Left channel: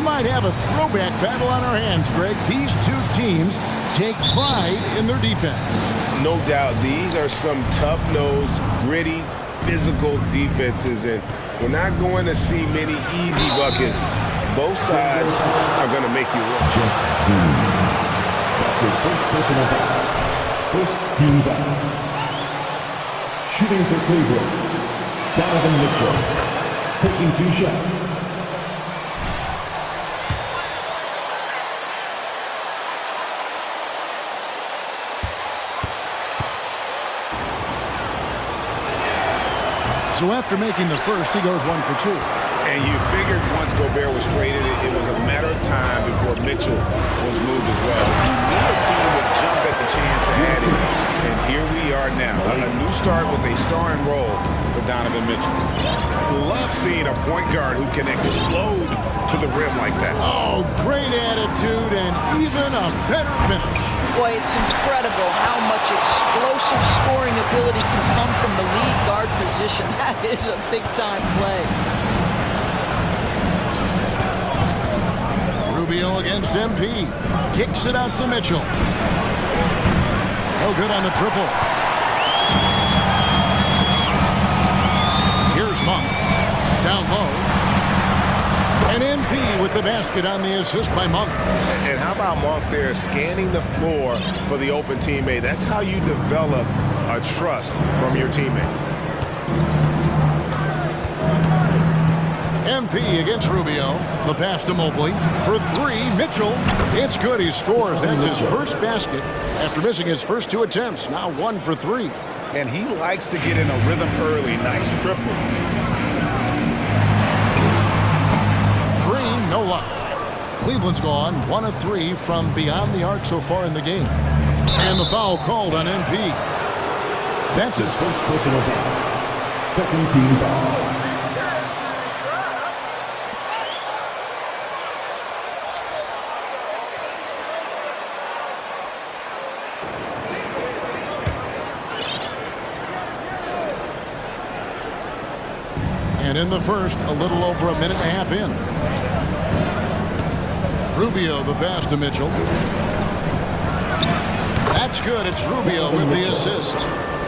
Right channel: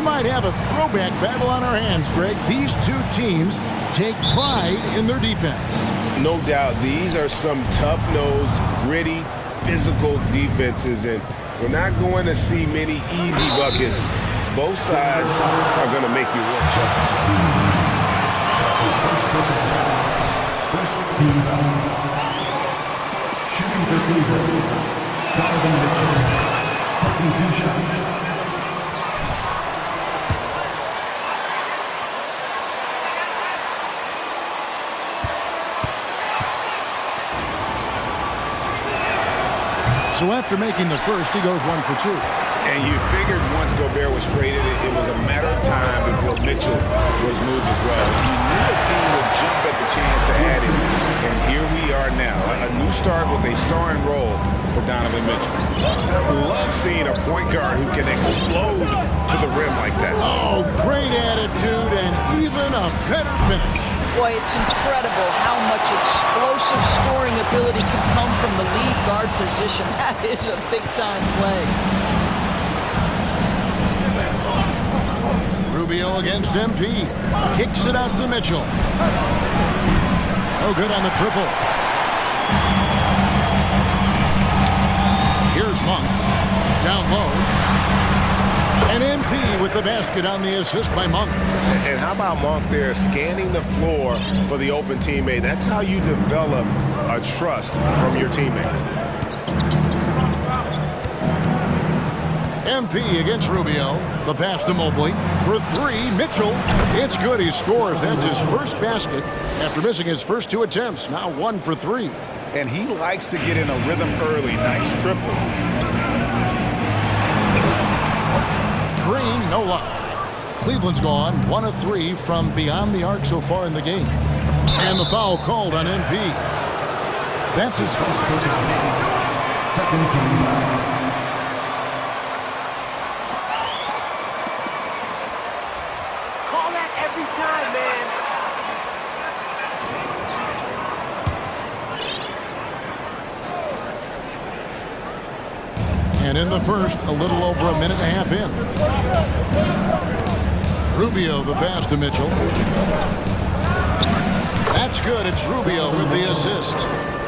We might have a throwback battle on our hands, Greg. These two teams take pride in their defense. No doubt, these are some tough-nosed, gritty, physical defenses, and we're not going to see many easy buckets. Both sides are going to make you work. His first personal foul. First team foul. Shooting for Cleveland, Donovan Mitchell. Taking 2 shots. So after making the first, he goes 1 for 2. And you figured once Gobert was traded, it was a matter of time before Mitchell was moved as well. You knew a team would jump at the chance to add him, and here we are now. A new start with a starring role for Donovan Mitchell. Love seeing a point guard who can explode to the rim like that. Oh, great attitude and even a better finish. Boy, it's incredible how much explosive scoring ability can come from the lead guard position. That is a big-time play. Rubio against MP. Kicks it out to Mitchell. No good on the triple. Here's Monk. Down low. And MP with the basket on the assist by Monk. And how about Monk there scanning the floor for the open teammate? That's how you develop a trust from your teammates. MP against Rubio. The pass to Mobley. For 3, Mitchell. It's good. He scores. That's his first basket after missing his first 2 attempts. Now 1 for 3. And he likes to get in a rhythm early. Nice triple. Green, no luck. Cleveland's gone 1 of 3 from beyond the arc so far in the game. And the foul called on MP. That's his first personal foul. Second team foul. And in the first, a little over a minute and a half in. Rubio, the pass to Mitchell. That's good. It's Rubio with the assist.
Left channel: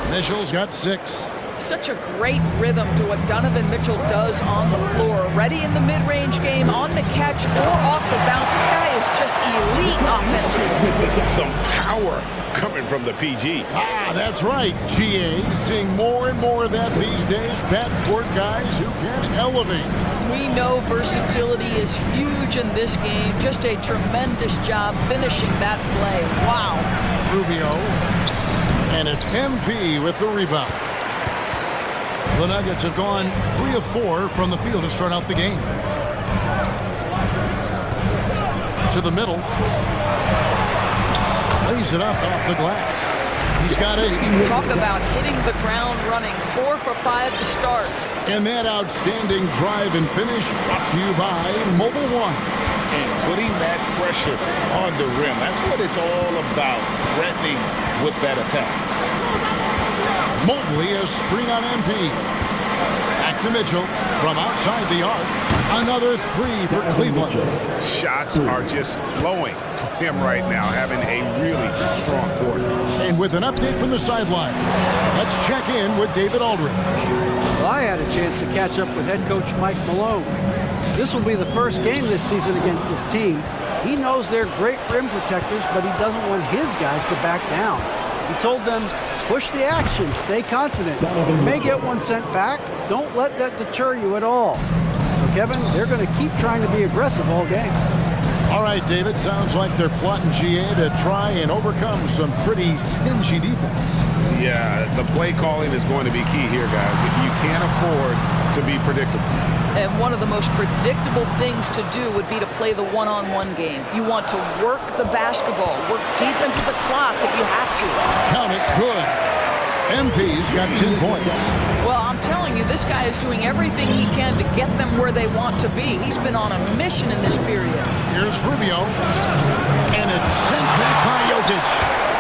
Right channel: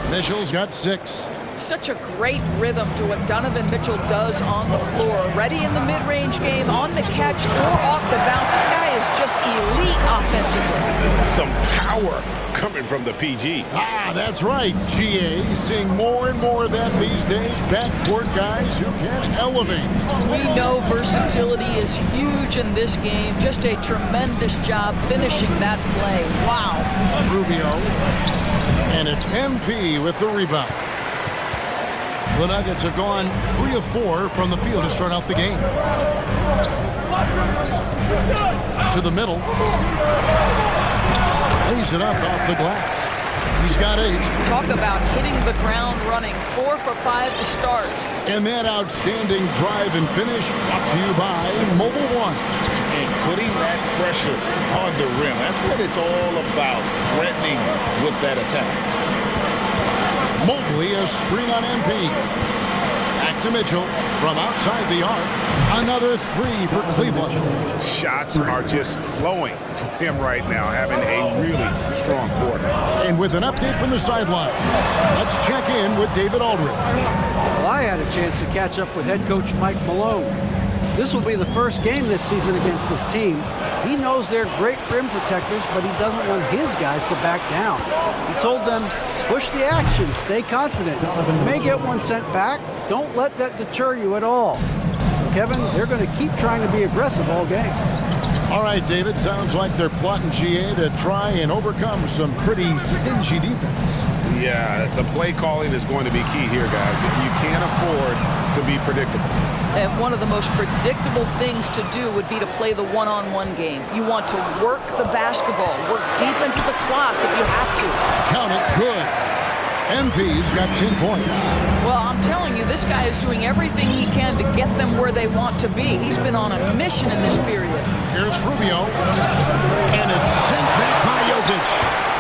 Mitchell's got 6. Such a great rhythm to what Donovan Mitchell does on the floor. Ready in the mid-range game, on the catch, or off the bounce. This guy is just elite offensively. Some power coming from the PG. That's right, GA. Seeing more and more of that these days. Backcourt guys who can elevate. We know versatility is huge in this game. Just a tremendous job finishing that play. Wow. Rubio. And it's MP with the rebound. The Nuggets have gone 3 of 4 from the field to start out the game. To the middle. Lays it up off the glass. He's got 8. Talk about hitting the ground running. 4 for 5 to start. And that outstanding drive and finish brought to you by Mobile One. And putting that pressure on the rim. That's what it's all about, threatening with that attack. Mobley, a screen on MP. Back to Mitchell from outside the arc. Another 3 for Cleveland. Shots are just flowing for him right now, having a really strong quarter. And with an update from the sideline, let's check in with David Aldridge. Well, I had a chance to catch up with head coach Mike Malone. This will be the first game this season against this team. He knows they're great rim protectors, but he doesn't want his guys to back down. He told them, push the action, stay confident. You may get one sent back. Don't let that deter you at all. So, Kevin, they're going to keep trying to be aggressive all game. All right, David, sounds like they're plotting GA to try and overcome some pretty stingy defense. Yeah, the play calling is going to be key here, guys. You can't afford to be predictable. And one of the most predictable things to do would be to play the one-on-one game. You want to work the basketball, work deep into the clock if you have to. Count it, good. MP's got 10 points. Well, I'm telling you, this guy is doing everything he can to get them where they want to be. He's been on a mission in this period. Here's Rubio. And it's sent back by Jokic.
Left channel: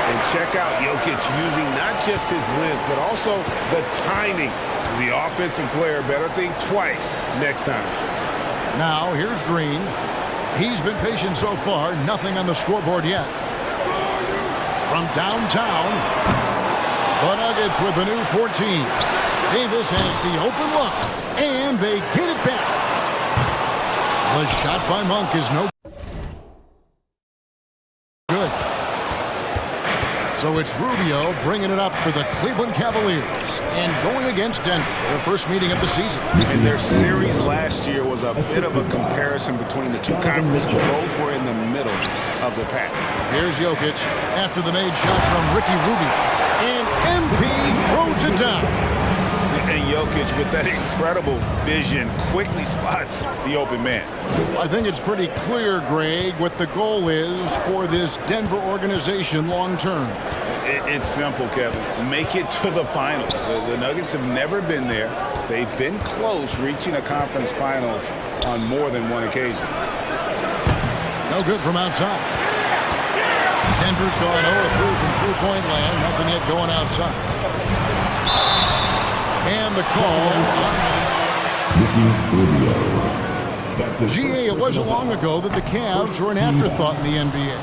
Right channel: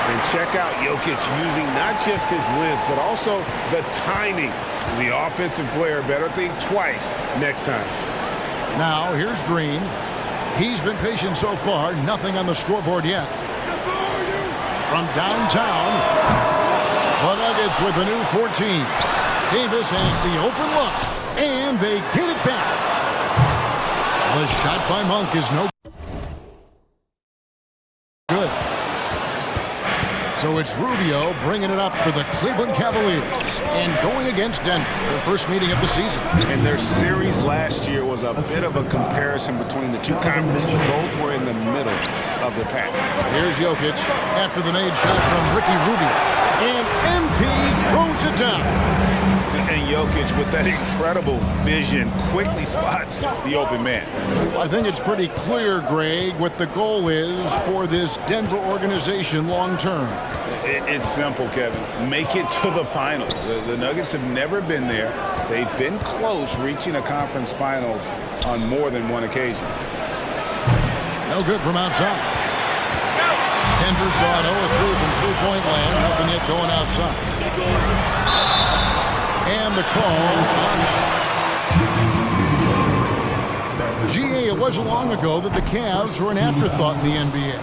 And check out Jokic using not just his length, but also the timing. The offensive player better think twice next time. Now, here's Green. He's been patient so far. Nothing on the scoreboard yet. From downtown, the Nuggets with the new 14. Davis has the open look, and they get it back. The shot by Monk is no good. So it's Rubio bringing it up for the Cleveland Cavaliers and going against Denver, their first meeting of the season. And their series last year was a bit of a comparison between the two conferences. Both were in the middle of the pack. Here's Jokic after the made shot from Ricky Rubio. And MP throws it down. And Jokic, with that incredible vision, quickly spots the open man. I think it's pretty clear, Greg, what the goal is for this Denver organization long term. It's simple, Kevin. Make it to the finals. The Nuggets have never been there. They've been close reaching a conference finals on more than one occasion. No good from outside. Denver's gone 0-3 from three-point land. Nothing yet going outside. And the call on GA. It wasn't long ago that the Cavs were an afterthought in the NBA.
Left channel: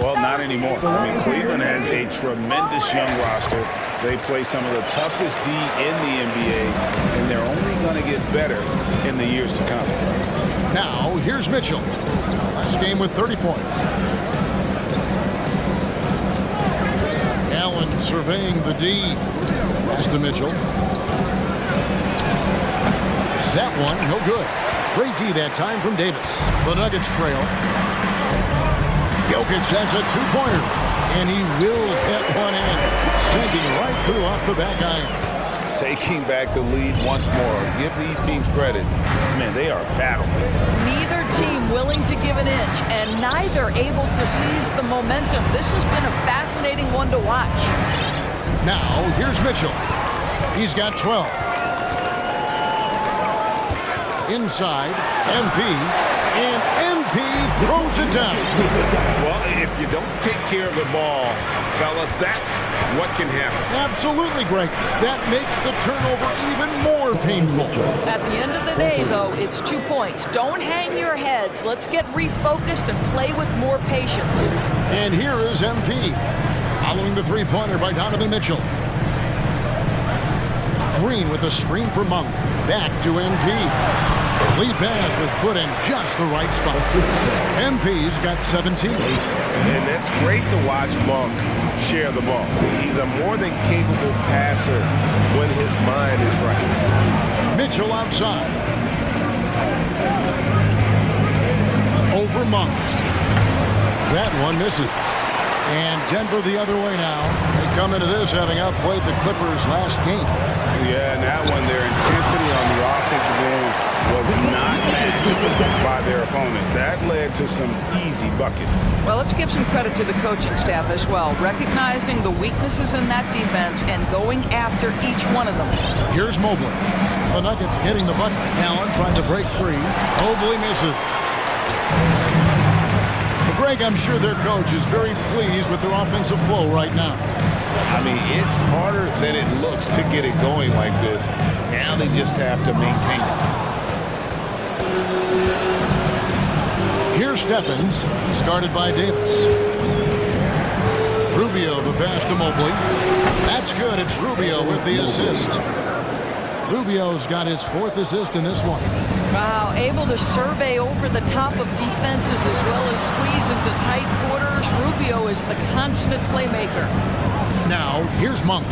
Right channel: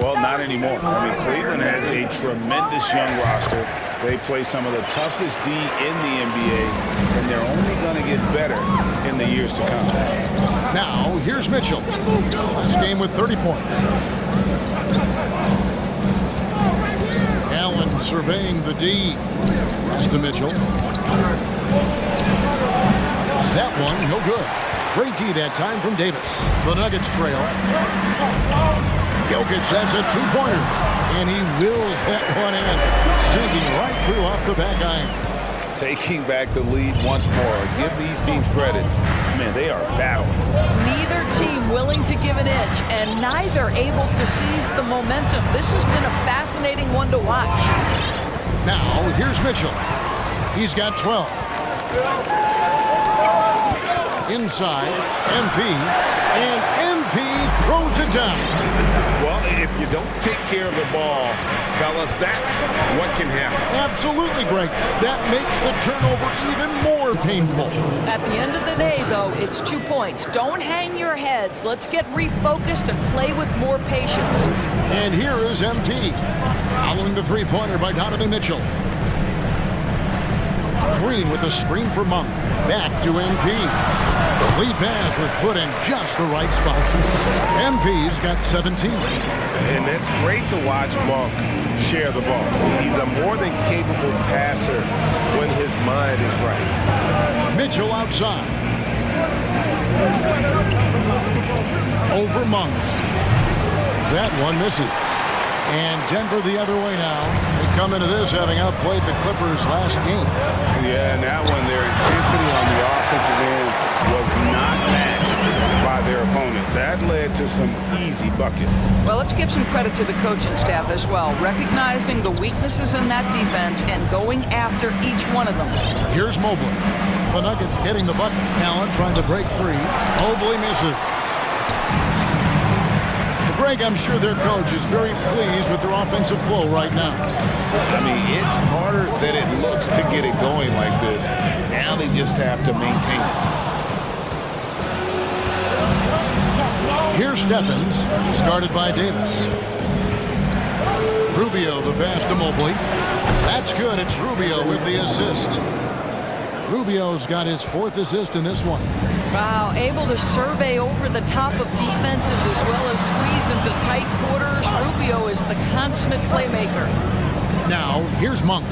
Well, not anymore. I mean, Cleveland has a tremendous young roster. They play some of the toughest D in the NBA, and they're only going to get better in the years to come. Now, here's Mitchell. Last game with 30 points. Allen surveying the D. Pass to Mitchell. That one, no good. Great D that time from Davis. The Nuggets trail. Jokic, that's a two-pointer. And he wills that one in. Sinking right through off the back iron. Taking back the lead once more. Give these teams credit. Man, they are battling. Neither team willing to give an inch, and neither able to seize the momentum. This has been a fascinating one to watch. Now, here's Mitchell. He's got 12. Inside, MP, and MP throws it down. Well, if you don't take care of the ball, fellas, that's what can happen. Absolutely, Greg. That makes the turnover even more painful. At the end of the day, though, it's 2 points. Don't hang your heads. Let's get refocused and play with more patience. And here is MP, following the three-pointer by Donovan Mitchell. Green with a screen for Monk. Back to MP. The lead pass was put in just the right spot. MP's got 17. And that's great to watch Monk share the ball. He's a more than capable passer when his mind is right. Mitchell outside. Over Monk. That one misses. And Denver the other way now. They come into this having outplayed the Clippers last game. Yeah, and that one, their intensity on the offensive end was not matched by their opponent. That led to some easy buckets. Well, let's give some credit to the coaching staff as well, recognizing the weaknesses in that defense and going after each one of them. Here's Mobley. The Nuggets getting the bucket. Allen trying to break free. Mobley misses. Greg, I'm sure their coach is very pleased with their offensive flow right now. I mean, it's harder than it looks to get it going like this. Now they just have to maintain it. Here's Stephens, started by Davis. Rubio, the pass to Mobley. That's good. It's Rubio with the assist. Rubio's got his 4th assist in this one. Wow, able to survey over the top of defenses as well as squeeze into tight quarters. Rubio is the consummate playmaker. Now, here's Monk.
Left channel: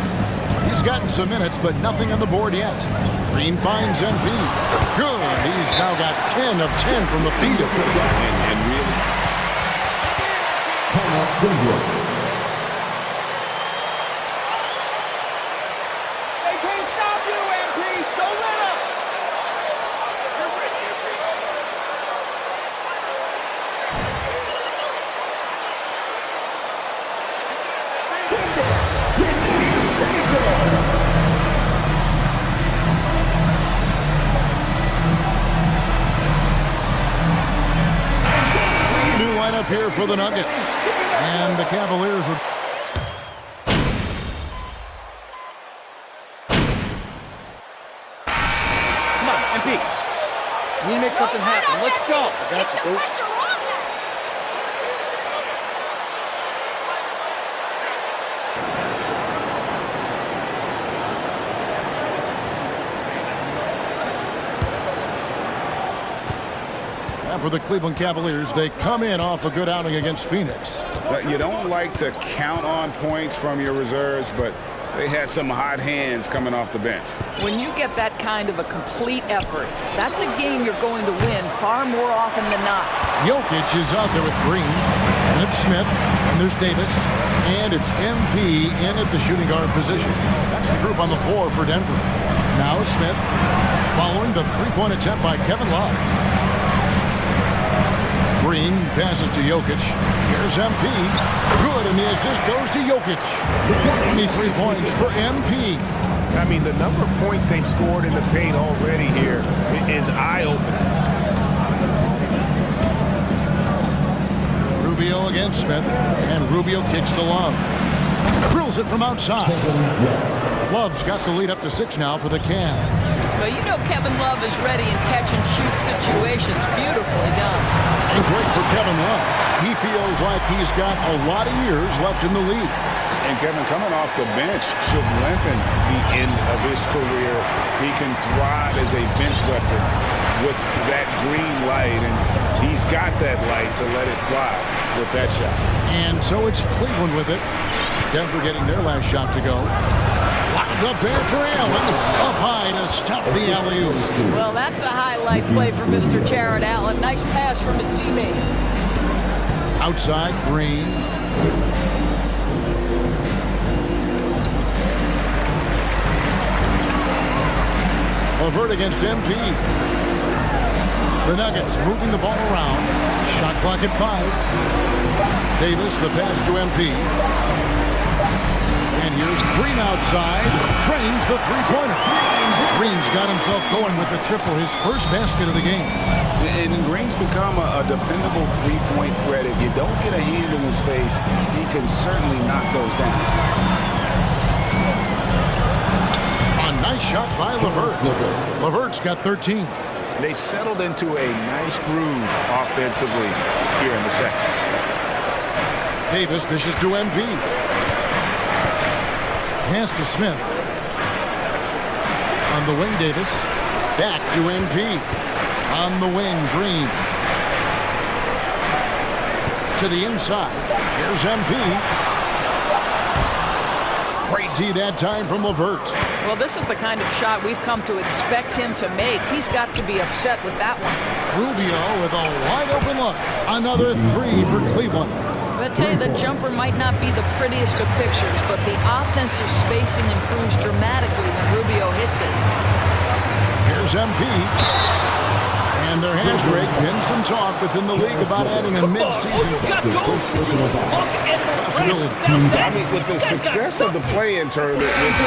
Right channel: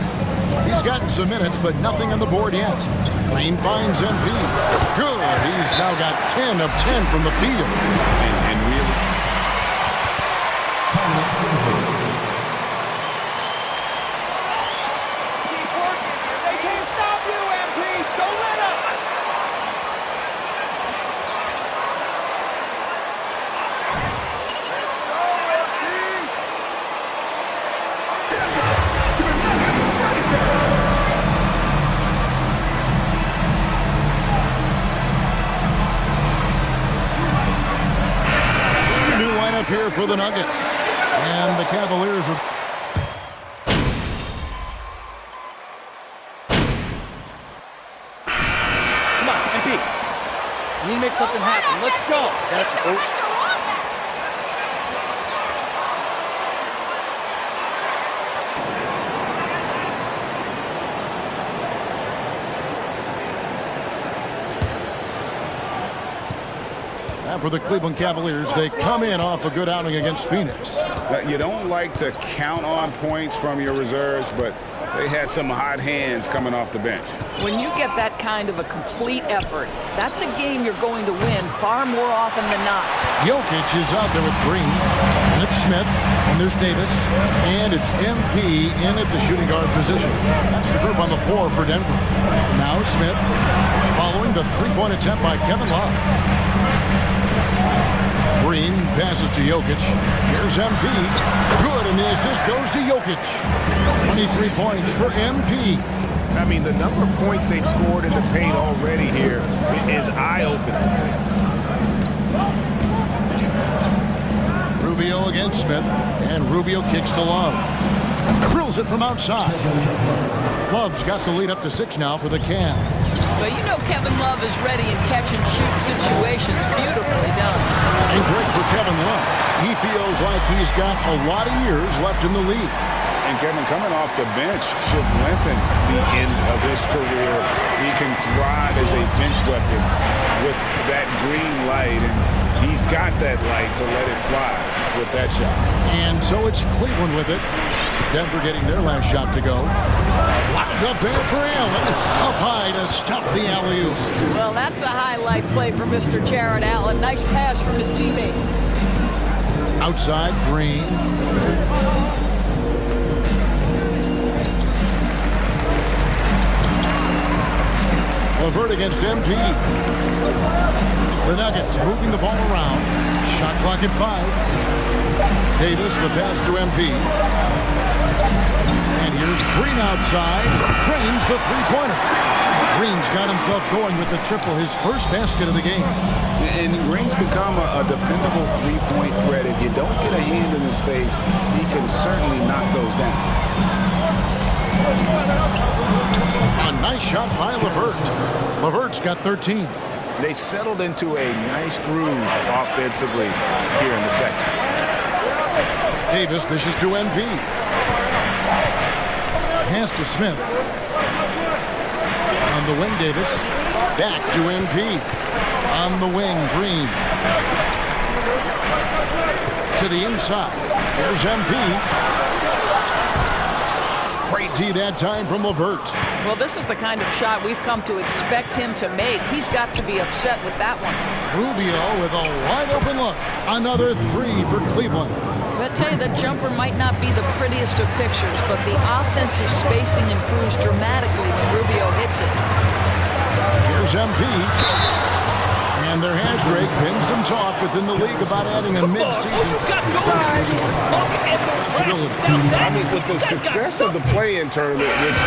He's gotten some minutes, but nothing on the board yet. Green finds MP. Good. He's now got 10 of 10 from the field. And really... They can't stop you, MP. Don't let up. New lineup here for the Nuggets. And the Cavaliers are... Come on, MP. You need to make something happen. Let's go. I got you, coach. And for the Cleveland Cavaliers, they come in off a good outing against Phoenix. You don't like to count on points from your reserves, but they had some hot hands coming off the bench. When you get that kind of a complete effort, that's a game you're going to win far more often than not. Jokic is out there with Green. That's Smith. And there's Davis. And it's MP in at the shooting guard position. That's the group on the floor for Denver. Now Smith following the three-point attempt by Kevin Love. Green passes to Jokic. Here's MP. Good, and the assist goes to Jokic. 23 points for MP. I mean, the number of points they've scored in the paint already here is eye-opening. Rubio against Smith, and Rubio kicks to Love. Drills it from outside. Love's got the lead up to 6 now for the Cavs. Well, you know Kevin Love is ready in catch-and-shoot situations. Beautifully done. And great for Kevin Love. He feels like he's got a lot of years left in the league. And Kevin, coming off the bench should lengthen the end of his career. He can thrive as a bench weapon with that green light, and he's got that light to let it fly with that shot. And so it's Cleveland with it. Denver getting their last shot to go. Wound up there for Allen. Up high to stuff the alley-oop. Well, that's a highlight play for Mr. Jarrett Allen. Nice pass from his teammate. Outside, Green. LeVert against MP. The Nuggets moving the ball around. Shot clock at 5. Davis, the pass to MP. And here's Green outside. Drains the three-pointer. Green's got himself going with the triple, his first basket of the game. And Green's become a dependable three-point threat. If you don't get a hand in his face, he can certainly knock those down. A nice shot by LeVert. LeVert's got 13. They've settled into a nice groove offensively here in the second. Davis dishes to MP. Pass to Smith. On the wing, Davis. Back to MP. On the wing, Green. To the inside. Here's MP. Great D that time from LeVert. Well, this is the kind of shot we've come to expect him to make. He's got to be upset with that one. Rubio with a wide-open look. Another 3 for Cleveland. But I tell you, the jumper might not be the prettiest of pictures, but the offensive spacing improves dramatically when Rubio hits it. Here's MP. And there has, Greg, been some talk within the league about adding a mid-season possibility. I mean, with the success of the play-in tournament, which,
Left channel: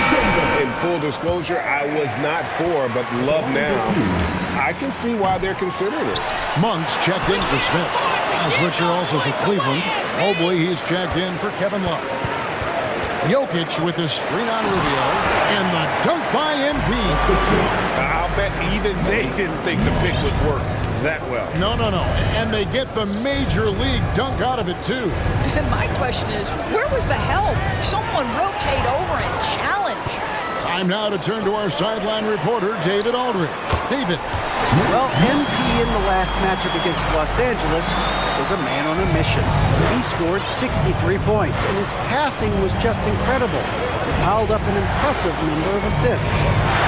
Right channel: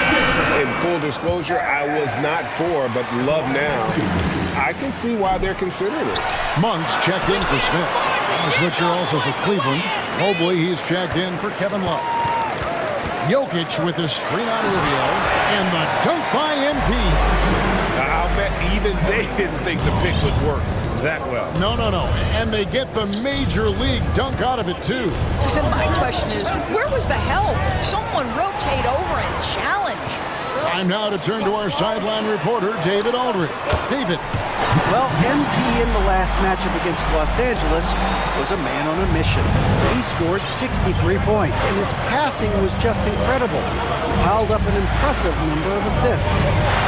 in full disclosure, I was not for, but love now, I can see why they're considering it. Monks checked in for Smith. A switcher also for Cleveland. Mobley, he's checked in for Kevin Love. Jokic with a screen on Rubio. And the dunk by MP. I'll bet even they didn't think the pick would work that well. No. And they get the major league dunk out of it, too. My question is, where was the help? Someone rotate over and challenge. Time now to turn to our sideline reporter, David Aldridge. David. Well, MP in the last matchup against Los Angeles was a man on a mission. He scored 63 points, and his passing was just incredible. He piled up an impressive number of assists.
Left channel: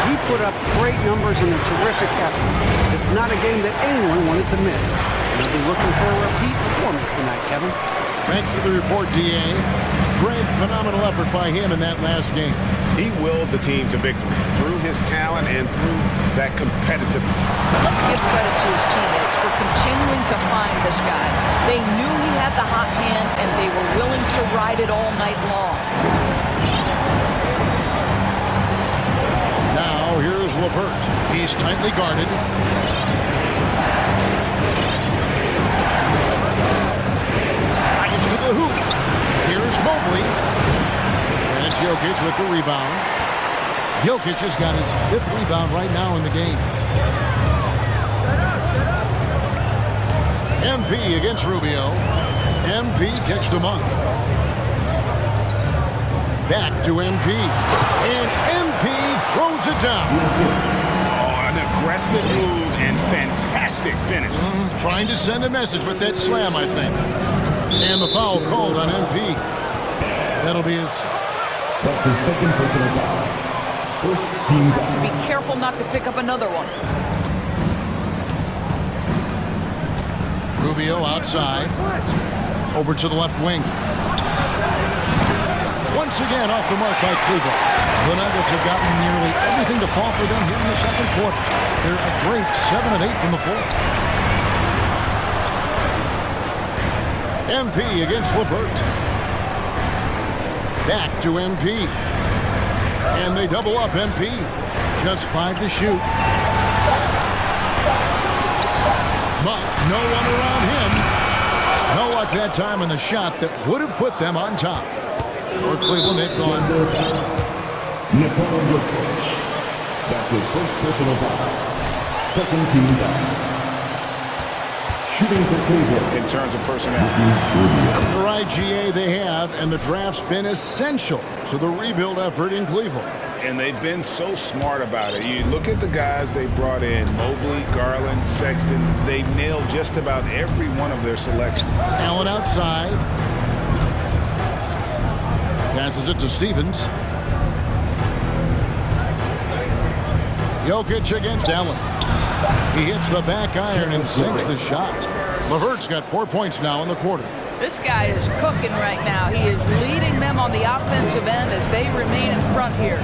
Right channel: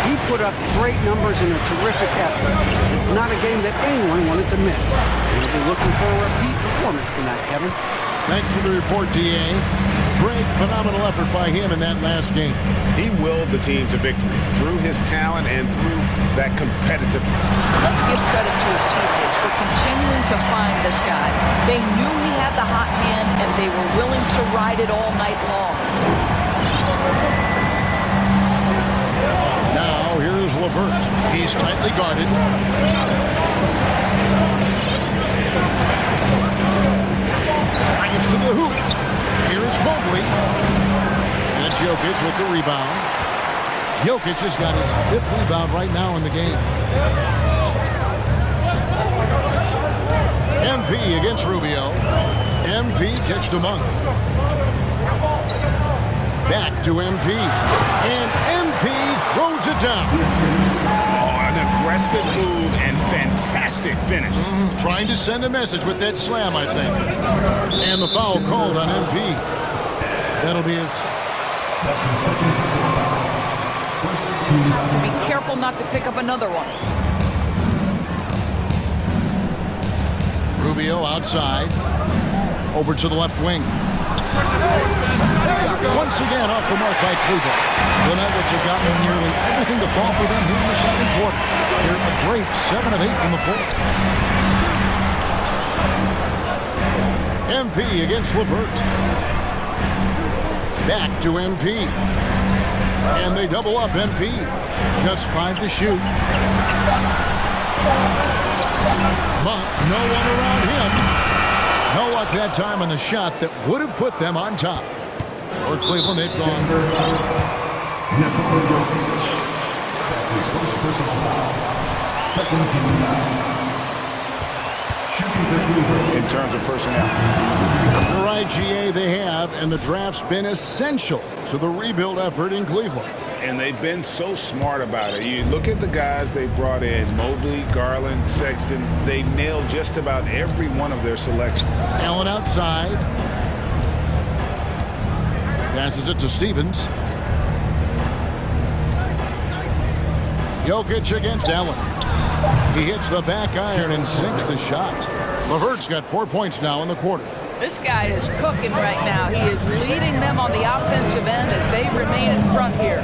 He put up great numbers in a terrific effort. It's not a game that anyone wanted to miss. And they'll be looking for a repeat performance tonight, Kevin. Thanks for the report, D.A. Great, phenomenal effort by him in that last game. He willed the team to victory through his talent and through that competitiveness. Let's give credit to his teammates for continuing to find this guy. They knew he had the hot hand, and they were willing to ride it all night long. Now, here's LeVert. He's tightly guarded. Drives to the hoop. Here's Mobley. And it's Jokic with the rebound. Jokic has got his 5th rebound right now in the game. MP against Rubio. MP kicks to Monk. Back to MP. And MP throws it down. Oh, An aggressive move and fantastic finish. Trying to send a message with that slam, I think. And the foul called on MP. That'll be his... That's his second personal foul. First team foul. To be careful not to pick up another one. Rubio outside. Over to the left wing. Once again off the mark by Cleveland. The Nuggets have gotten nearly everything to fall for them here in the second quarter. They're a great 7 of 8 from the floor. MP against LeVert. Back to MP. And they double up MP. Just 5 to shoot. Monk, no one around him. No luck that time on the shot that would have put them on top. For Cleveland, they've gone. Nikola Jokic. That's his first personal foul. Second team foul. Shooting for Cleveland. In terms of personnel. You're right, GA, they have, and the draft's been essential to the rebuild effort in Cleveland. And they've been so smart about it. You look at the guys they brought in, Mobley, Garland, Sexton. They've nailed just about every one of their selections. Allen outside. Passes it to Stevens. Jokic against Allen. He hits the back iron and sinks the shot. LeVert's got 4 points now in the quarter. This guy is cooking right now. He is leading them on the offensive end as they remain in front here.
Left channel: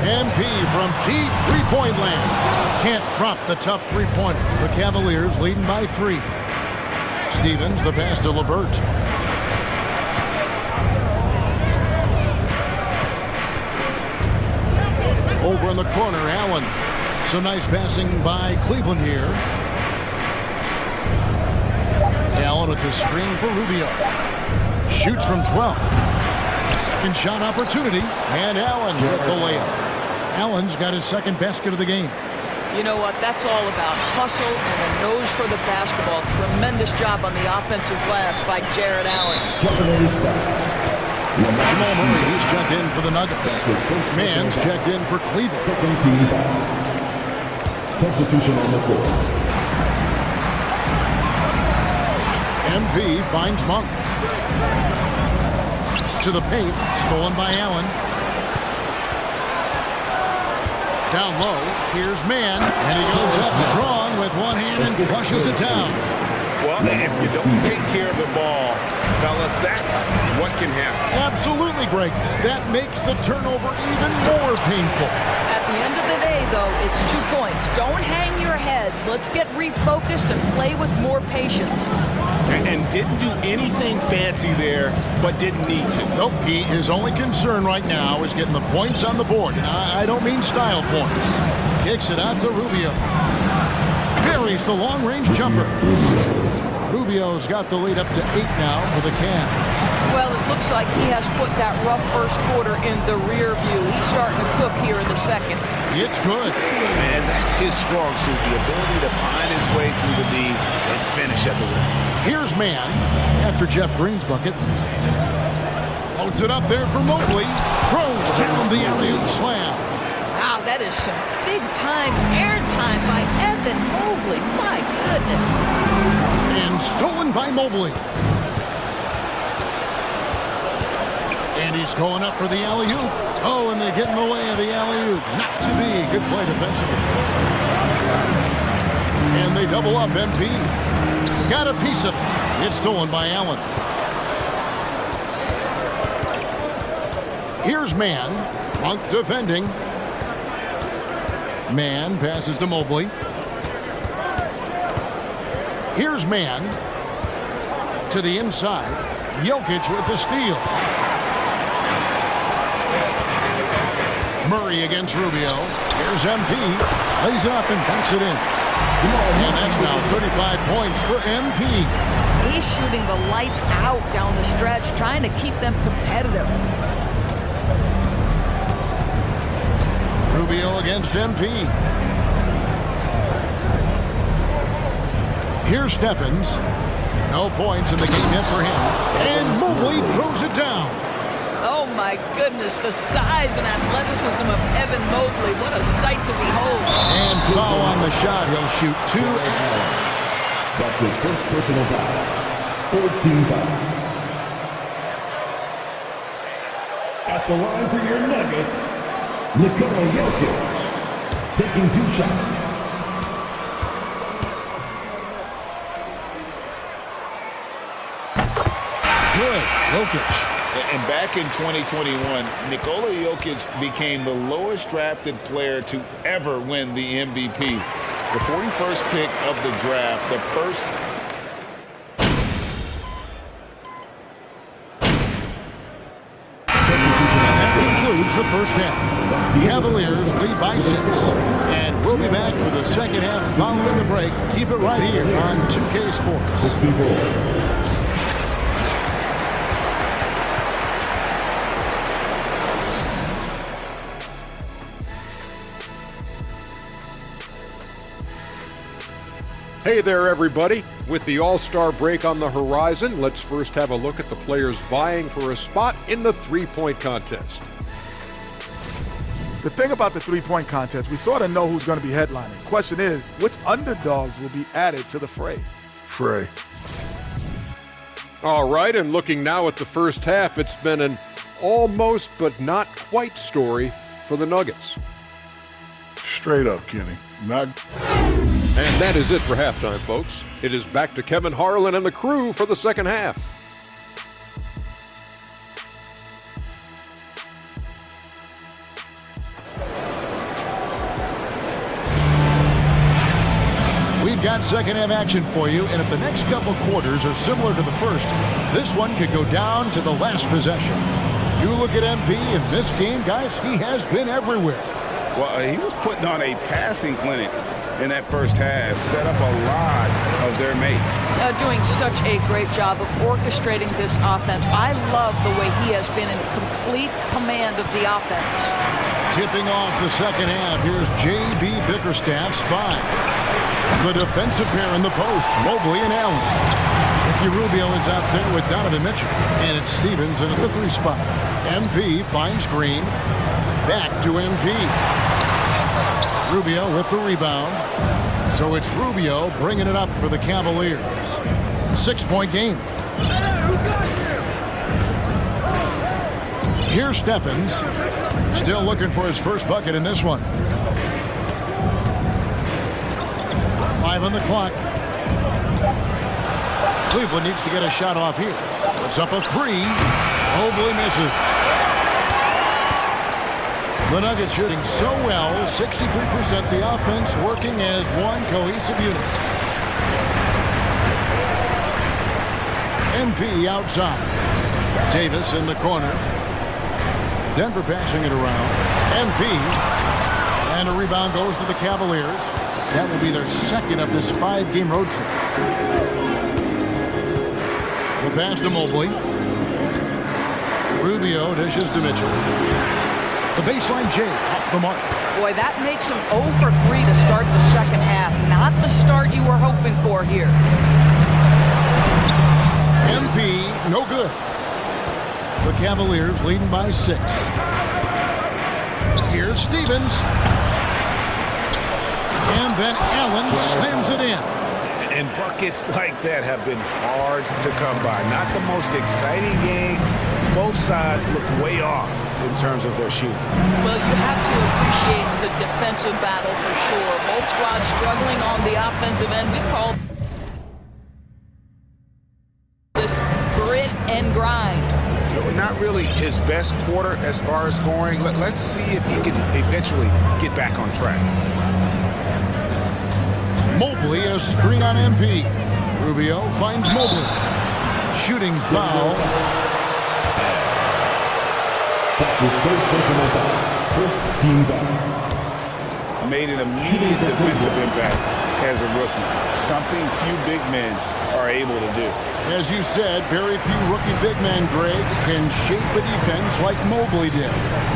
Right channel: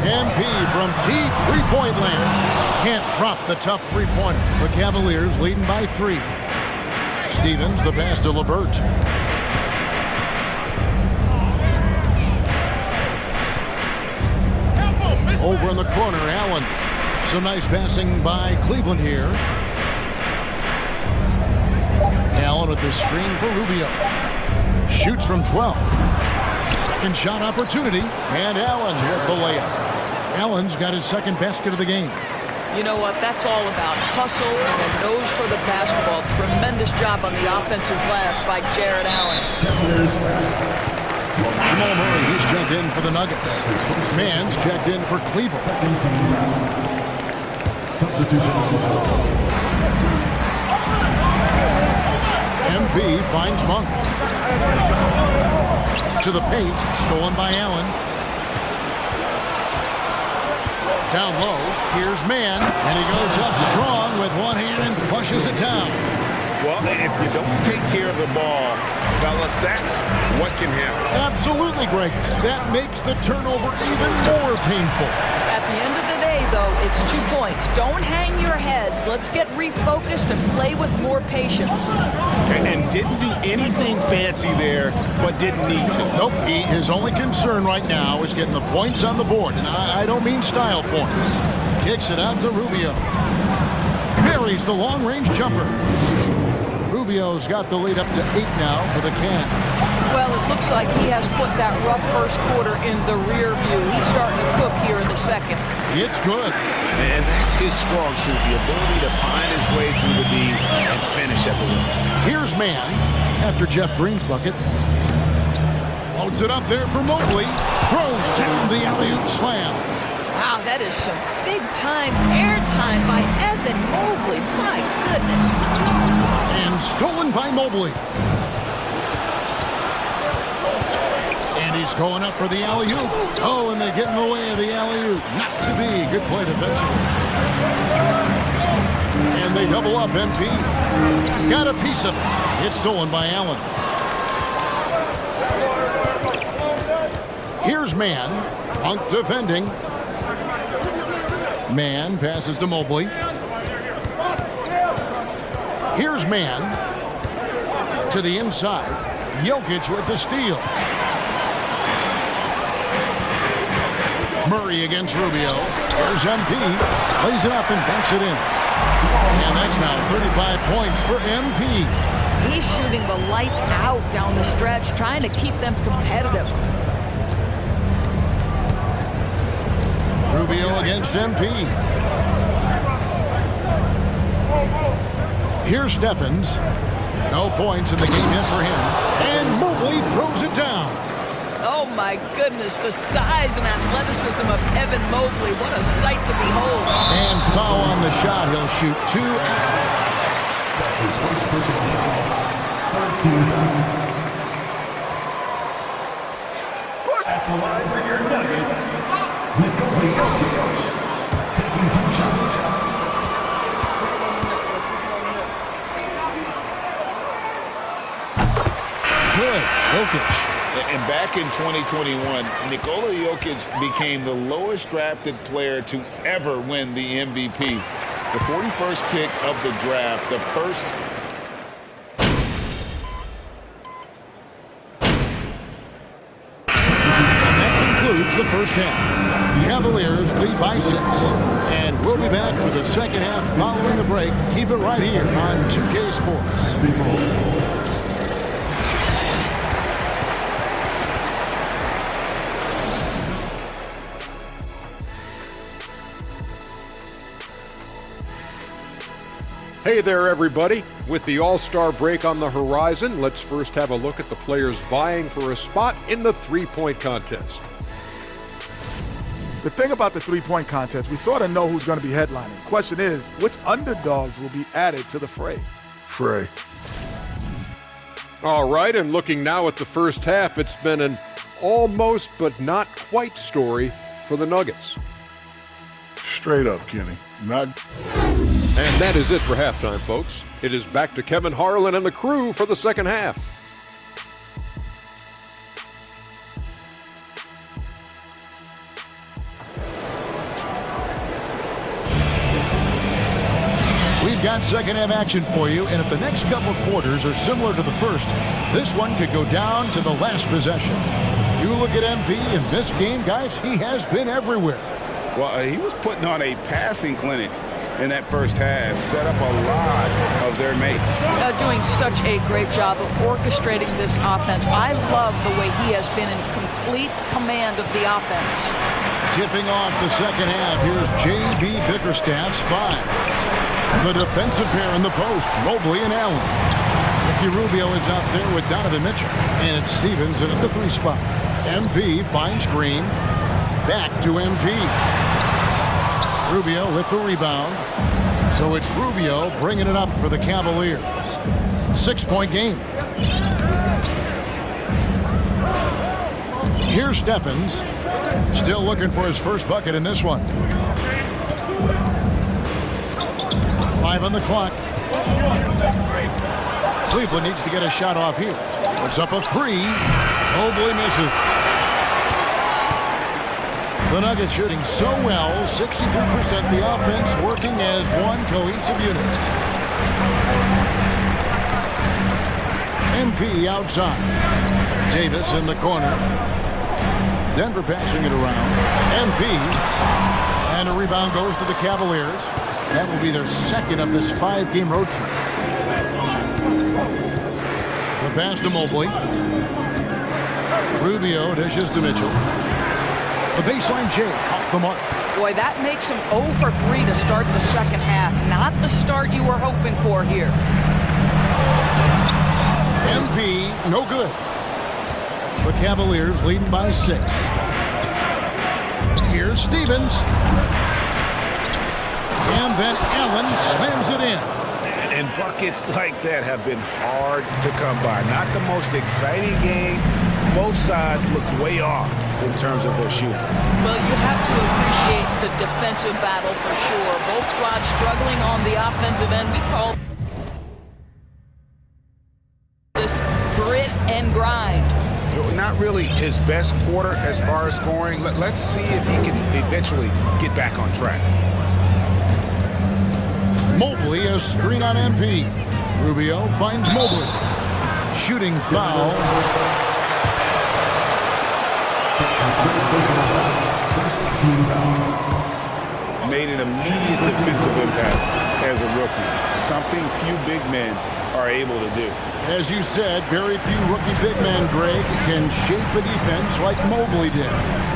MP from deep three-point land. Can't drop the tough three-pointer. The Cavaliers leading by 3. Stevens, the pass to LeVert. Over in the corner, Allen. Some nice passing by Cleveland here. Allen with the screen for Rubio. Shoots from 12. Second shot opportunity. And Allen with the layup. Allen's got his second basket of the game. You know what? That's all about hustle and a nose for the basketball. Tremendous job on the offensive glass by Jared Allen. Jamal Murray, he's checked in for the Nuggets. Mann's checked in for Cleveland. Second team foul. Substitution on the court. MP finds Monk. To the paint, stolen by Allen. Down low, here's Mann, and he goes up strong with one hand and flushes it down. Well, if you don't take care of the ball, fellas, that's what can happen. Absolutely, Greg. That makes the turnover even more painful. At the end of the day, though, it's 2 points. Don't hang your heads. Let's get refocused and play with more patience. And didn't do anything fancy there, but didn't need to. Nope, his only concern right now is getting the points on the board. And I don't mean style points. Kicks it out to Rubio. Marries the long-range jumper. Rubio's got the lead up to 8 now for the Cavs. Well, it looks like he has put that rough first quarter in the rear view. He's starting to cook here in the second. It's good. Man, that's his strong suit, the ability to find his way through the D and finish at the rim. Here's Mann after Jeff Green's bucket. Loads it up there for Mobley. Throws down the alley-oop slam. Wow, that is some big-time airtime by Evan Mobley. My goodness. And stolen by Mobley. And he's going up for the alley-oop. Oh, and they get in the way of the alley-oop. Not to be. Good play defensively. And they double up MP. Got a piece of it. It's stolen by Allen. Here's Mann. Monk defending. Mann passes to Mobley. Here's Mann. To the inside. Jokic with the steal. Murray against Rubio. Here's MP. Lays it up and banks it in. And that's now 35 points for MP. He's shooting the lights out down the stretch, trying to keep them competitive. Rubio against MP. Here's Steffens. No points in the game yet for him. And Mobley throws it down. Oh, my goodness, the size and athleticism of Evan Mobley. What a sight to behold. And foul on the shot. He'll shoot 2. That's his first personal foul. Third team foul. At the line for your Nuggets, Nikola Jokic, taking 2 shots. Good. Jokic. And back in 2021, Nikola Jokic became the lowest drafted player to ever win the MVP. The 41st pick of the draft, the first. And that concludes the first half. The Cavaliers lead by 6. And we'll be back for the second half following the break. Keep it right here on 2K Sports. Hey there, everybody. With the All-Star break on the horizon, let's first have a look at the players vying for a spot in the three-point contest. The thing about the three-point contest, we sort of know who's going to be headlining. Question is, which underdogs will be added to the fray? All right, and looking now at the first half, it's been an almost but not quite story for the Nuggets. Straight up, Kenny. And that is it for halftime, folks. It is back to Kevin Harlan and the crew for the second half. We've got second half action for you, and if the next couple quarters are similar to the first, this one could go down to the last possession. You look at MP in this game, guys, he has been everywhere. Well, he was putting on a passing clinic in that first half, set up a lot of their mates. Doing such a great job of orchestrating this offense. I love the way he has been in complete command of the offense. Tipping off the second half, here's J.B. Bickerstaff's 5. The defensive pair in the post, Mobley and Allen. Ricky Rubio is out there with Donovan Mitchell, and it's Stevenson at the 3 spot. MP finds Green. Back to MP. Rubio with the rebound. So it's Rubio bringing it up for the Cavaliers. 6-point game. Here's Stephens. Still looking for his first bucket in this one. 5 on the clock. Cleveland needs to get a shot off here. Puts up a 3. Mobley misses. The Nuggets shooting so well, 63%. The offense working as one cohesive unit. MP outside. Davis in the corner. Denver passing it around. MP. And a rebound goes to the Cavaliers. That will be their second of this 5-game road trip. The pass to Mobley. Rubio dishes to Mitchell. The baseline J off the mark. Boy, that makes him 0 for 3 to start the second half. Not the start you were hoping for here. MP, no good. The Cavaliers leading by 6. Here's Stevens. And then Allen slams it in. And buckets like that have been hard to come by. Not the most exciting game. Both sides look way off in terms of their shooting. Well, you have to appreciate the defensive battle for sure. Both squads struggling on the offensive end. We call this grit and grind. Not really his best quarter as far as scoring. Let's see if he can eventually get back on track. Mobley, a screen on MP. Rubio finds Mobley. Shooting foul. That's his third personal foul. First team foul. Made an immediate defensive impact as a rookie. Something few big men are able to do. As you said, very few rookie big men, Greg, can shape a defense like Mobley did.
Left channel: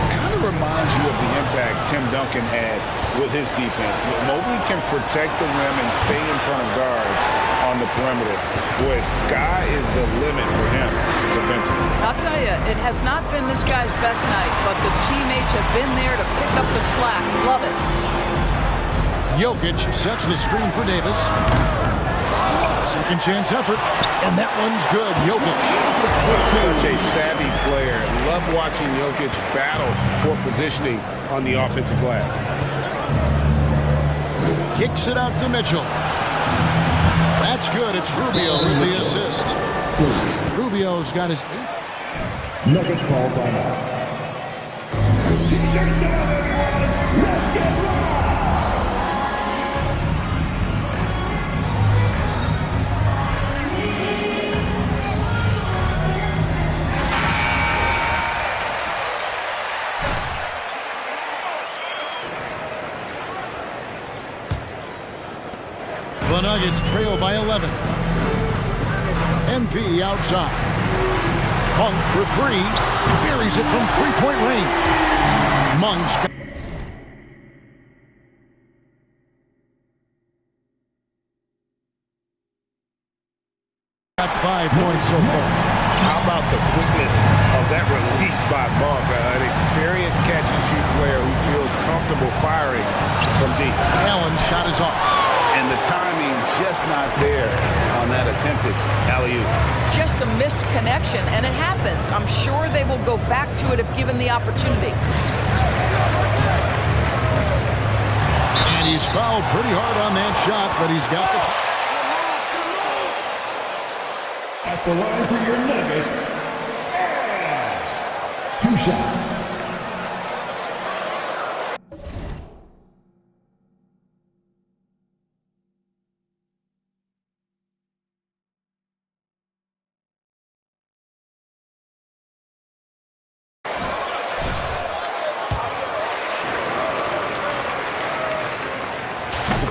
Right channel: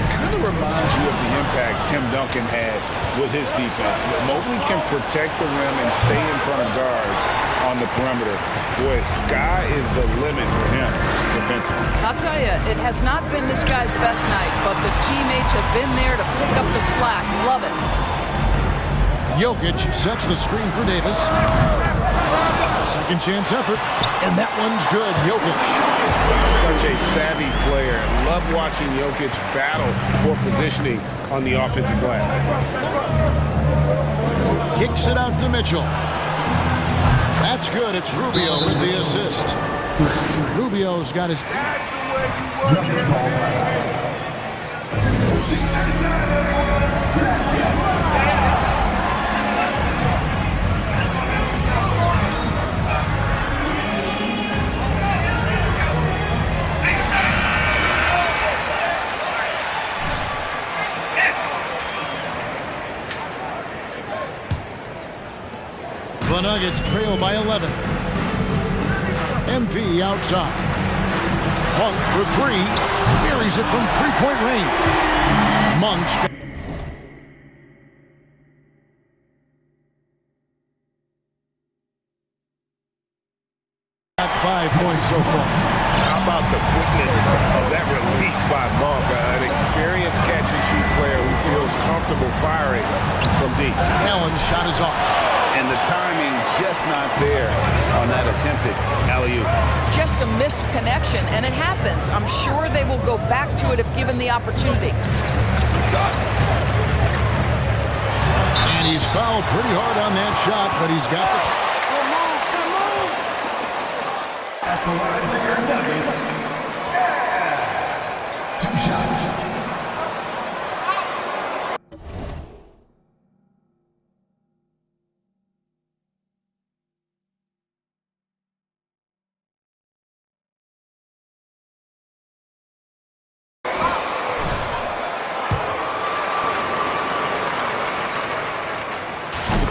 Kind of reminds you of the impact Tim Duncan had with his defense. Mobley can protect the rim and stay in front of guards on the perimeter. Boy, sky is the limit for him defensively. I'll tell you, it has not been this guy's best night, but the teammates have been there to pick up the slack. Love it. Jokic sets the screen for Davis. Second chance effort, and that one's good. Jokic. Such a savvy player. Love watching Jokic battle for positioning on the offensive glass. Kicks it out to Mitchell. That's good. It's Rubio with the assist. Rubio's got his... Nuggets ball time. The Nuggets trail by 11. MP outside. Monk for three. Buries it from three-point range. Monk's got 5 points so far. How about the quickness of that release by Monk? An experienced catch-and-shoot player who feels comfortable firing from deep. Allen's shot is off. And the timing just not there on that attempted alley-oop. Just a missed connection, and it happens. I'm sure they will go back to it if given the opportunity. And he's fouled pretty hard on that shot, but he's got the... At the line for your Nuggets, 2 shots.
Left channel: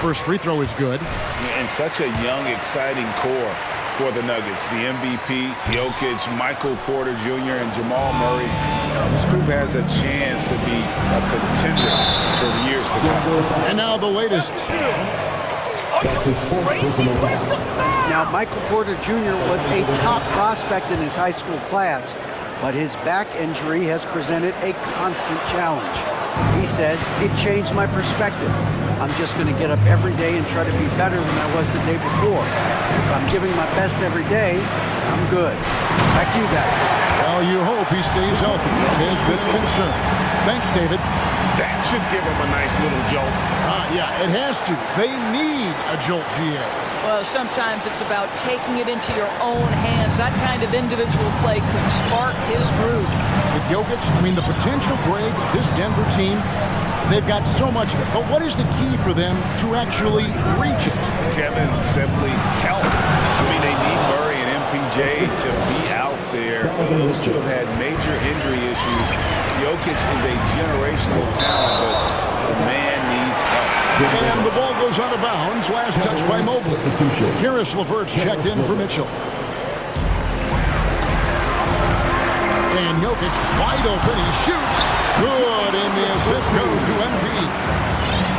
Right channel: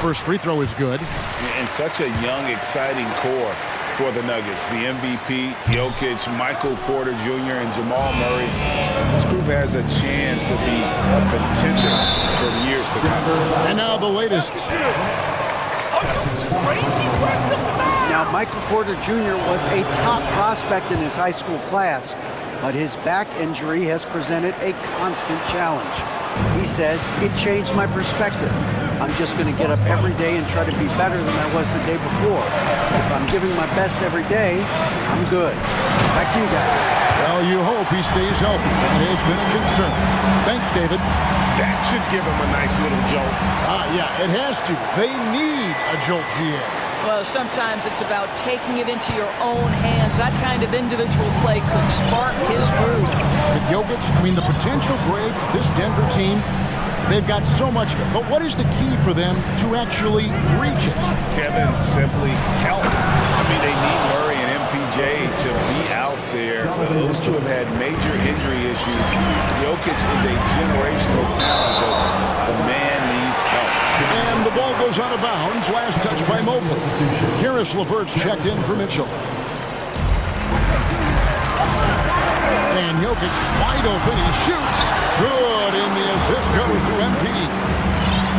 First free throw is good. And such a young, exciting core for the Nuggets. The MVP, Jokic, Michael Porter Jr., and Jamal Murray. This group has a chance to be a contender for years to come. And now the latest. Now, Michael Porter Jr. was a top prospect in his high school class, but his back injury has presented a constant challenge. He says, it changed my perspective. I'm just going to get up every day and try to be better than I was the day before. If I'm giving my best every day, I'm good. Back to you guys. Well, you hope he stays healthy. It has been a concern. Thanks, David. That should give him a nice little jolt. Yeah, it has to. They need a jolt, GA. Well, sometimes it's about taking it into your own hands. That kind of individual play could spark his groove. With Jokic, the potential, Greg, this Denver team, they've got so much of it. But what is the key for them to actually reach it? Kevin, simply health. They need Murray and MPJ to be out there. Those two have had major injury issues. Jokic is a generational talent, but the man needs help. And the ball goes out of bounds. Last touch by Mobley. Karis LeVert's checked in for Mitchell. And Jokic wide open. He shoots. Good, and the assist goes to MP.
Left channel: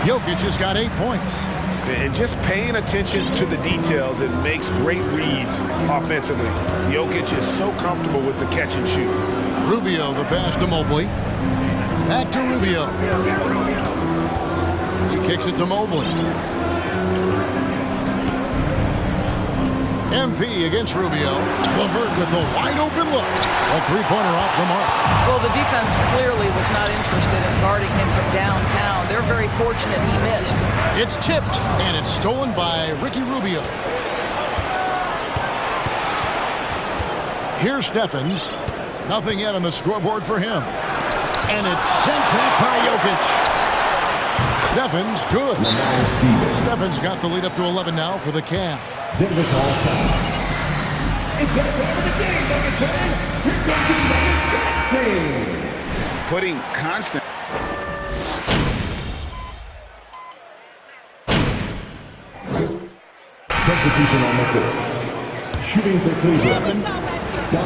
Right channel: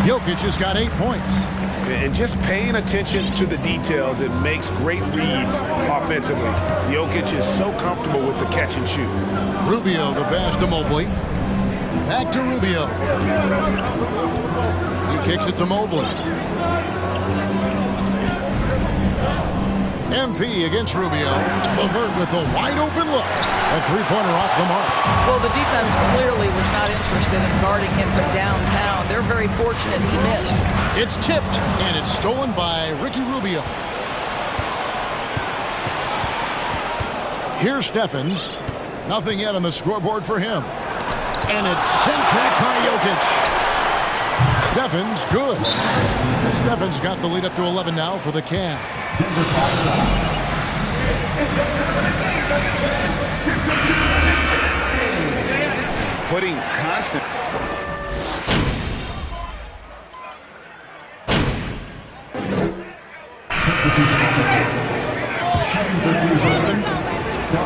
Jokic has got 8 points. And just paying attention to the details, it makes great reads offensively. Jokic is so comfortable with the catch and shoot. Rubio, the pass to Mobley. Back to Rubio. He kicks it to Mobley. MP against Rubio. LeVert with the wide open look. A three-pointer off the mark. Well, the defense clearly was not interested in guarding him from downtown. They're very fortunate he missed. It's tipped, and it's stolen by Ricky Rubio. Here's Stephens. Nothing yet on the scoreboard for him. And it's sent back by Jokic. Stephens, good. Stephens got the lead up to 11 now for the Cavs. Denver's all time. It's that time of the game, Nuggets fans. Here comes the Nuggets. Putting constant. Substitution on the court. Shooting for Cleveland. I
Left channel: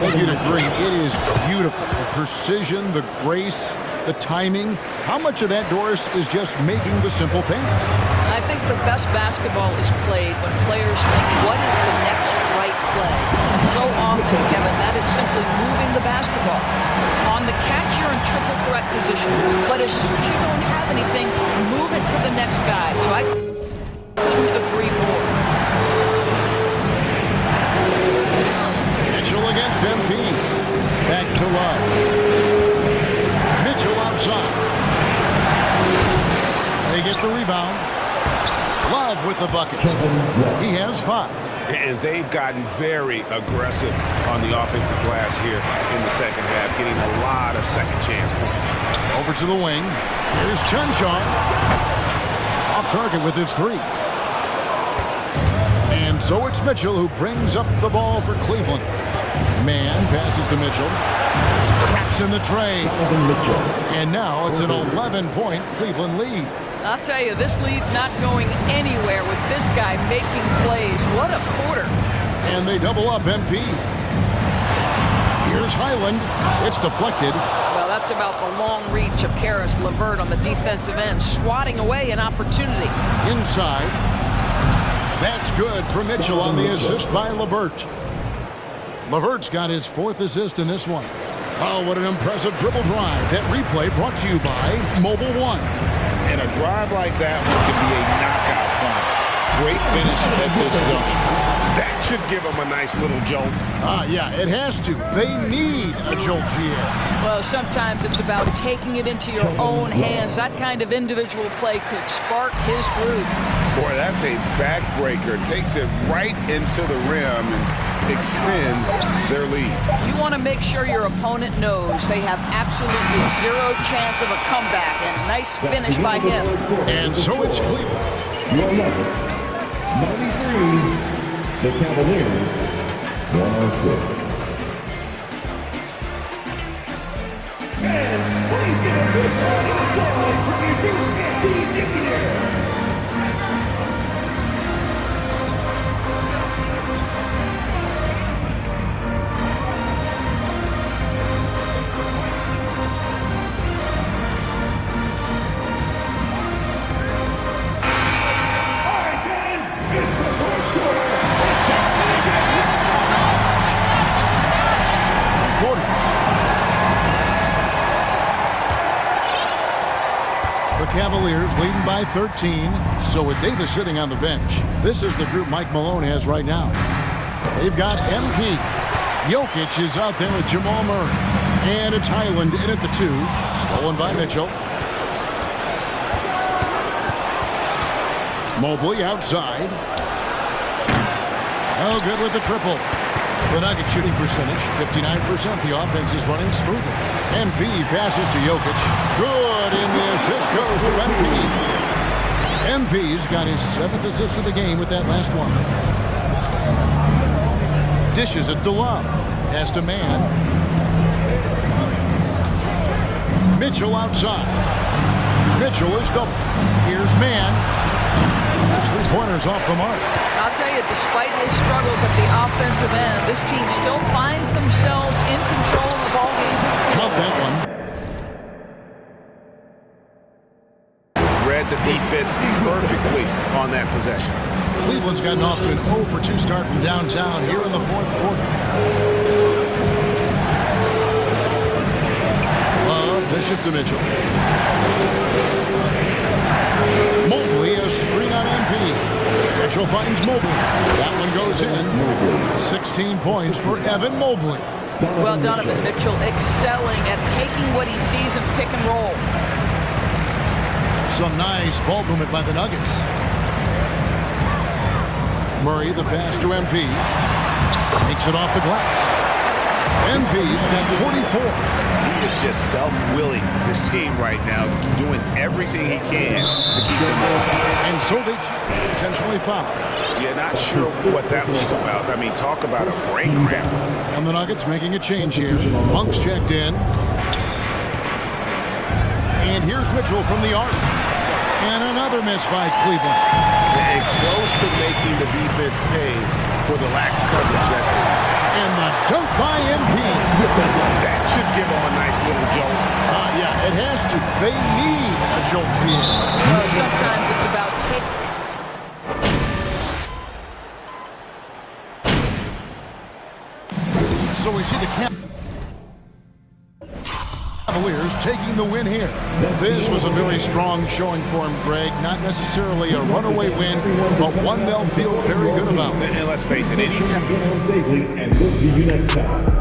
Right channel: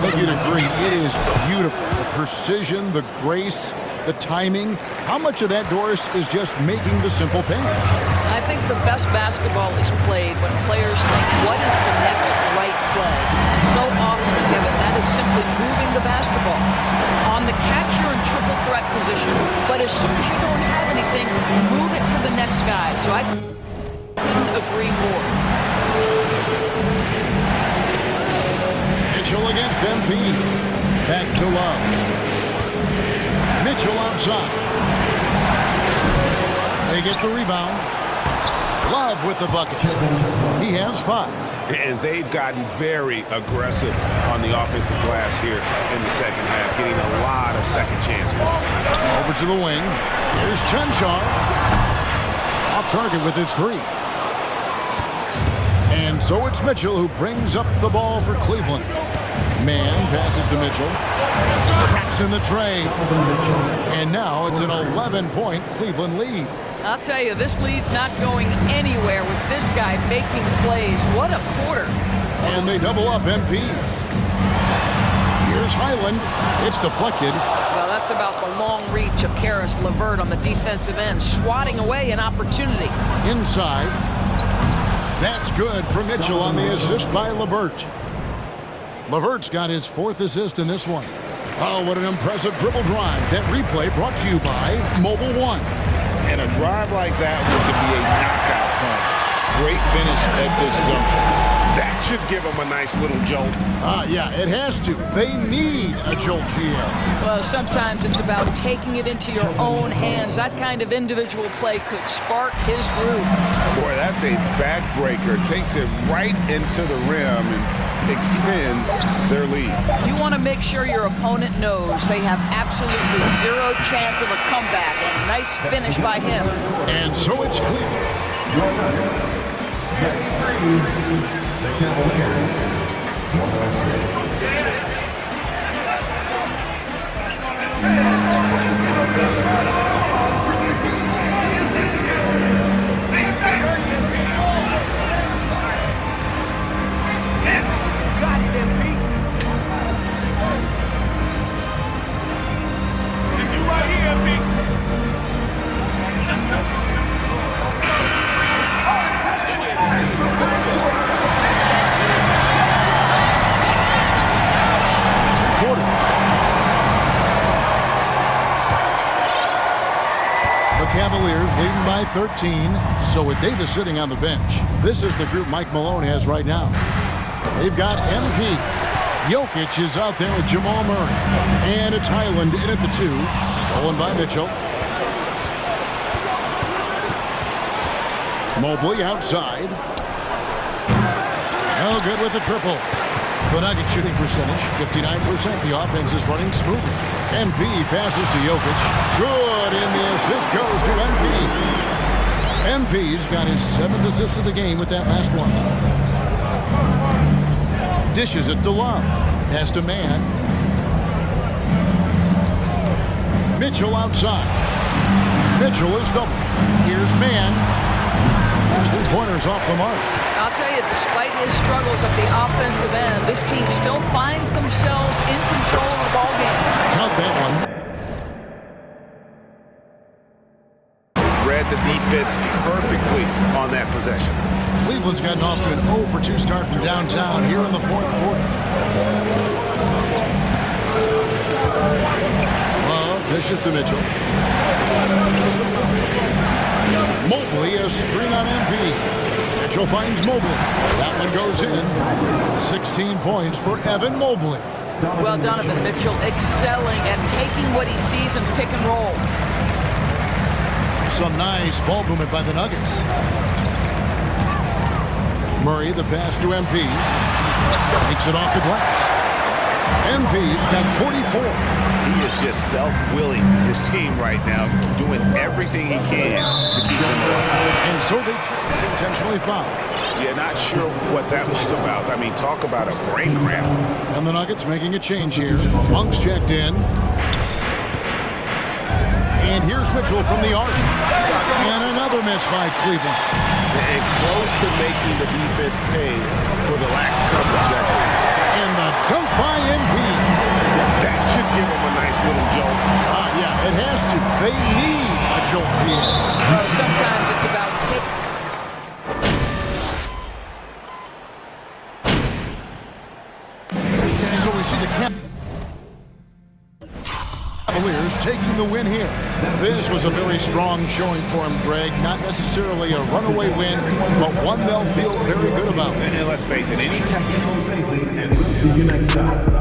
think you'd agree. It is beautiful. The precision, the grace, the timing? How much of that, Doris, is just making the simple pass? I think the best basketball is played when players think, what is the next right play? And so often, Kevin, that is simply moving the basketball. On the catch, you're in triple threat position. But as soon as you don't have anything, move it to the next guy. So I couldn't agree more. Mitchell against MP. Back to Love. Mitchell outside. They get the rebound. Love with the bucket. He has 5. And they've gotten very aggressive on the offensive glass here in the second half, getting a lot of second chance points. Over to the wing. Here's Chunchar. Off target with his 3. And so it's Mitchell who brings up the ball for Cleveland. Man passes to Mitchell. Traps in the tray. And now it's an 11-point Cleveland lead. I'll tell you, this lead's not going anywhere with this guy making plays. What a quarter. And they double up MP. Here's Highland. It's deflected. Well, that's about the long reach of Caris LeVert on the defensive end, swatting away an opportunity. Inside. That's good for Mitchell on the assist by LeVert. LeVert's got his 4th assist in this one. Oh, what an impressive dribble drive. That replay brought to you by Mobile One. And a drive like that one can be a knockout punch. Great finish at this juncture. That should give them a nice little jolt. Yeah, it has to. They need a jolt here. Well, sometimes it's about taking it into your own hands. That kind of individual play could spark his groove. Boy, that's a backbreaker. Takes it right into the rim and extends their lead. You want to make sure your opponent knows they have absolutely 0 chance of a comeback, and nice finish by him. And so it's Cleveland. Your Nuggets, 93, the Cavaliers, 106. And please give a big round of applause for the The Cavaliers leading by 13. So with Davis sitting on the bench, this is the group Mike Malone has right now. They've got MP. Jokic is out there with Jamal Murray. And it's Highland in at the 2. Stolen by Mitchell. Mobley outside. No good with the triple. The Nuggets shooting percentage, 59%. The offense is running smoothly. MP passes to Jokic. Good, and the assist goes to MP. MP's got his 7th assist of the game with that last one. Dishes it to Love. Pass to Man. Mitchell outside. Mitchell is double. Here's Man. His 3-pointers off the mark. I'll tell you, despite his struggles at the offensive end, this team still finds themselves in control of the ball game. Count that one. Read the defense perfectly on that possession. Cleveland's gotten off to an 0 for 2 start from downtown here in the 4th quarter. Love dishes to Mitchell. Mobley, a screen on MP. Mitchell finds Mobley. That one goes in. 16 points for Evan Mobley. Well, Donovan Mitchell excelling at taking what he sees in pick and roll. Some nice ball movement by the Nuggets. Murray, the pass to MP. Takes it off the glass. MP's got 44. He is just self-willing, this team right now, doing everything he can to keep them alive. And so they intentionally foul. Yeah, not sure what that was about. I mean, talk about a brain cramp. And the Nuggets making a change here. Monk's checked in. And here's Mitchell from the arc. And another miss by Cleveland. And close to making the defense pay for the lax coverage that time. And the dunk by MP. That should give them a nice little jolt. Yeah, it has to. They need a jolt created. Well, sometimes it's about taking. So we see the Cavaliers taking the win here. This was a very strong showing for him, Greg. Not necessarily a runaway win, but one they'll feel very good about. And let's face it, any time. Get home safely, and we'll see you next time.